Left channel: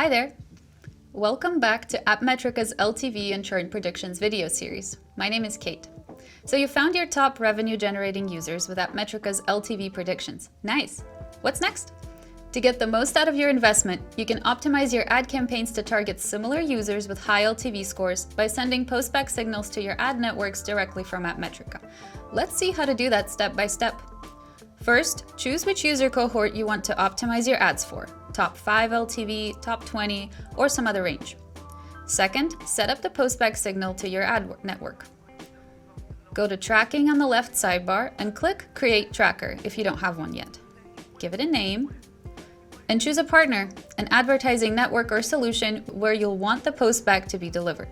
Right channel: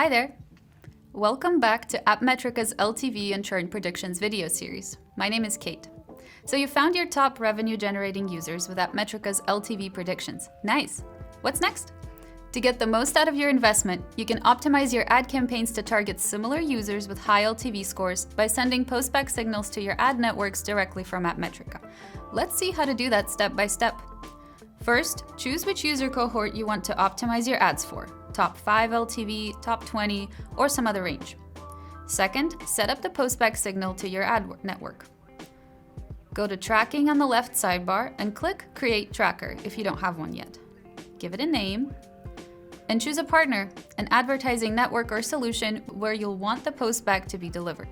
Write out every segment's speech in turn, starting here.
Hi there! Welcome back to AppMetrica's LTV and Churn Predictions video series. My name is Kate. So you found your top revenue generating users with AppMetrica's LTV Predictions. Nice! What's next? To get the most out of your investment, you can optimize your ad campaigns to target similar users with high LTV scores by sending postback signals to your ad networks directly from AppMetrica. Let's see how to do that step by step. First, choose which user cohort you want to optimize your ads for, top 5 LTV, top 20, or some other range. Second, set up the postback signal to your ad network. Go to Tracking on the left sidebar and click Create Tracker if you don't have one yet. Give it a name, and choose a partner, an advertising network or solution where you'll want the postback to be delivered.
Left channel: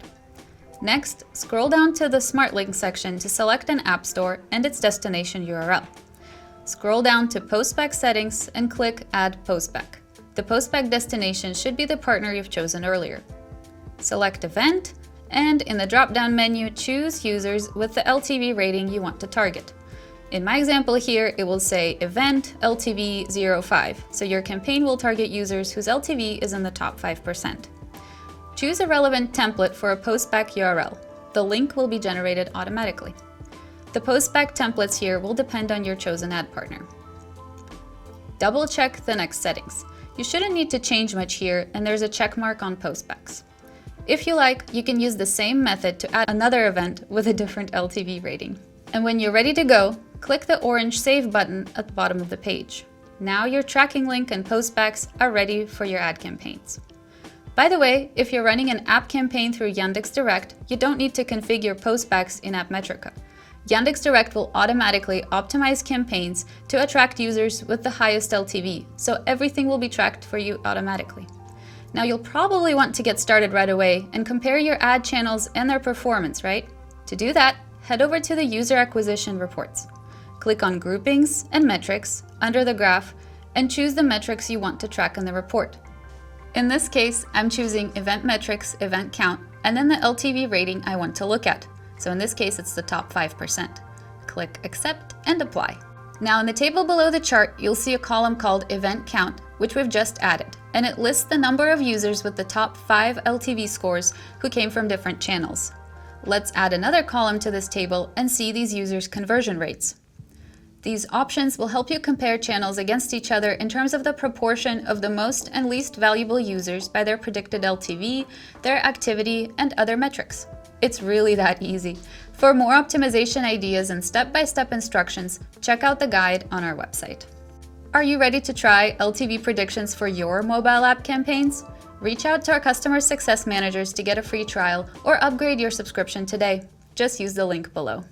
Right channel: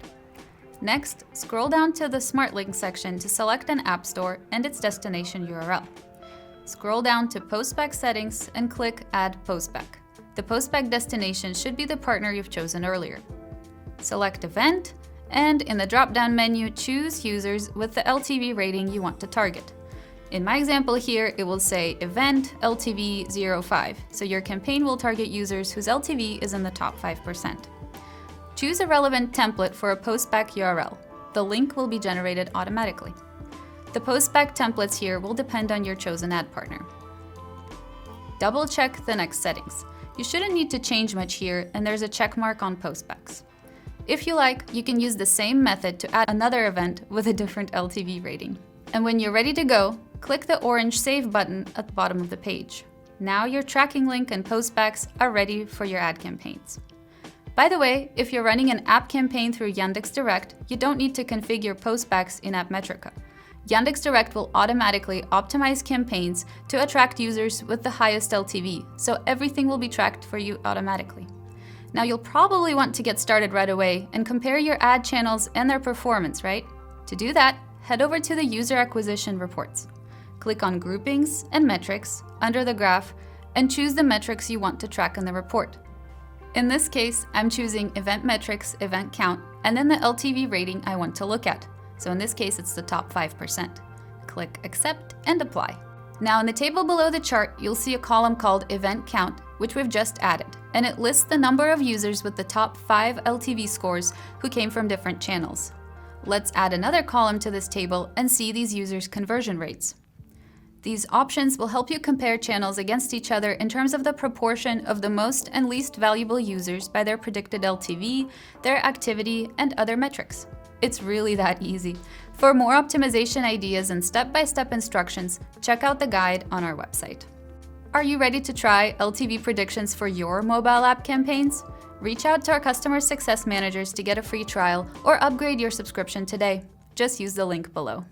Next, scroll down to the Smart Link section to select an app store and its destination URL. Scroll down to Postback Settings and click Add Postback. The postback destination should be the partner you've chosen earlier. Select Event, and in the drop-down menu, choose users with the LTV rating you want to target. In my example here, it will say Event LTV 05, so your campaign will target users whose LTV is in the top 5%. Choose a relevant template for a postback URL. The link will be generated automatically. The postback templates here will depend on your chosen ad partner. Double-check the next settings. You shouldn't need to change much here, and there's a check mark on postbacks. If you like, you can use the same method to add another event with a different LTV rating. And when you're ready to go, click the orange Save button at the bottom of the page. Now your tracking link and postbacks are ready for your ad campaigns. By the way, if you're running an app campaign through Yandex.Direct, you don't need to configure postbacks in AppMetrica. Yandex.Direct will automatically optimize campaigns to attract users with the highest LTV, so everything will be tracked for you automatically. Now you'll probably want to get started right away and compare your ad channels and their performance, right? To do that, head over to the User Acquisition Reports. Click on Groupings and Metrics under the graph and choose the metrics you want to track in the report. In this case, I'm choosing Event Metrics, Event Count, and then the LTV rating I want to look at. So in this case, it's the top 5%. Click Accept and Apply. Now in the table below the chart, you'll see a column called Event Count, which we've just added, and it lists the number of users with the top 5 LTV scores who came from different channels. Let's add another column to this table and see these users' conversion rates. These options will help you compare channels against each other in terms of the proportion of the most and least valuable users by their predicted LTV, their activity, and other metrics. It's really that easy. For more optimization ideas and step-by-step instructions, check out the guide on our website. Are you ready to try LTV predictions for your mobile app campaigns? Reach out to our customer success managers to get a free trial or upgrade your subscription today. Just use the link below.